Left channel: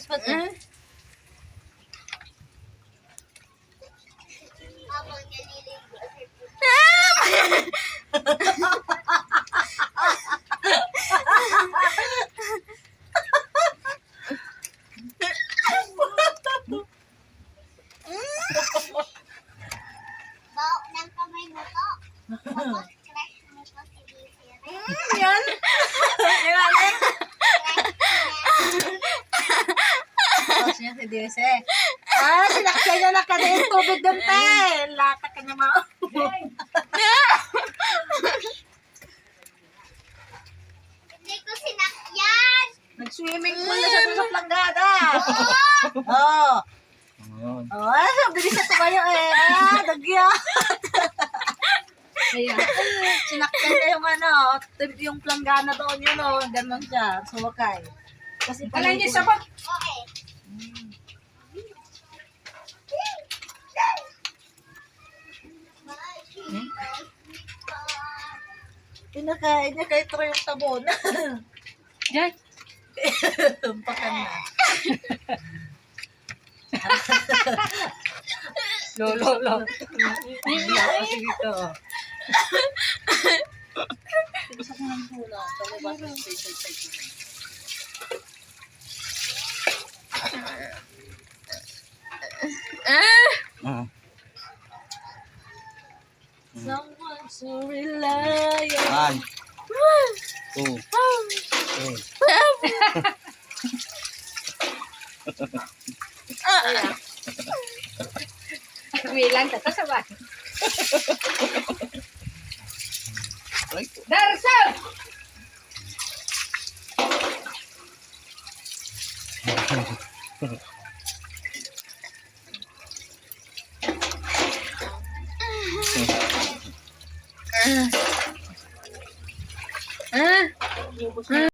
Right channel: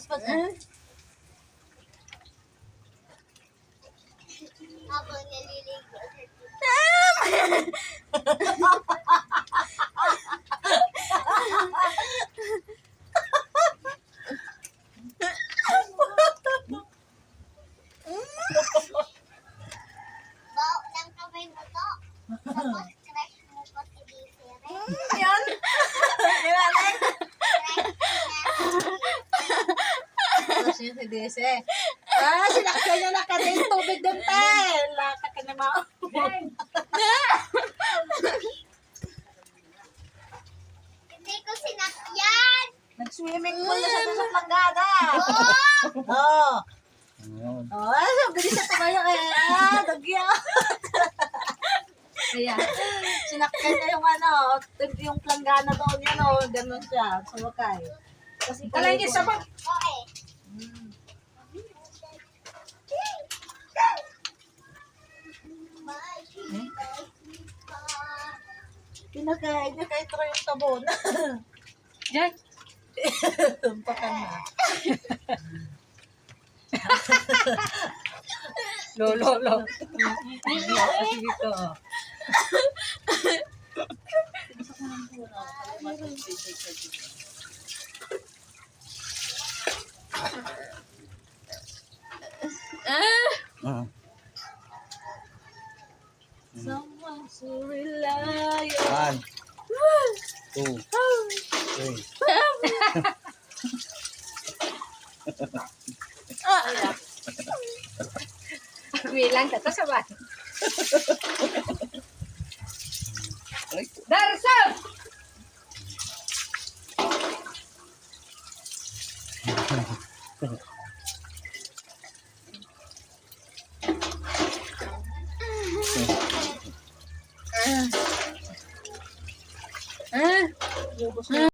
Paspas. Habang naliligo. Bao ng kamay mo to. Tapos crush mo pa si Desiree. Yan. Nilalim. Tapos niya si Dese. Sinakyan niya na kanina yung tubig doon, te. Lata ka na mga. Hindi ko sinakyan. Nag-swimming pool na siya doon sa planggada. Oh! Oo. Ayun. Bilis siya tumayo eh. Dagya. Ayan. Sinakyan niya yung yung planggana doon yun o. Ganon siya. Sumakay. Kasi Wala niya sapat. Okay. Pinakain niya kahit ito yung tabon. Diyan. Tumpakan na. Lolo. Kasi dito. Ah. Someone to rely on. 1, 2, 3. Bilang tato sabay. Ay, Darso!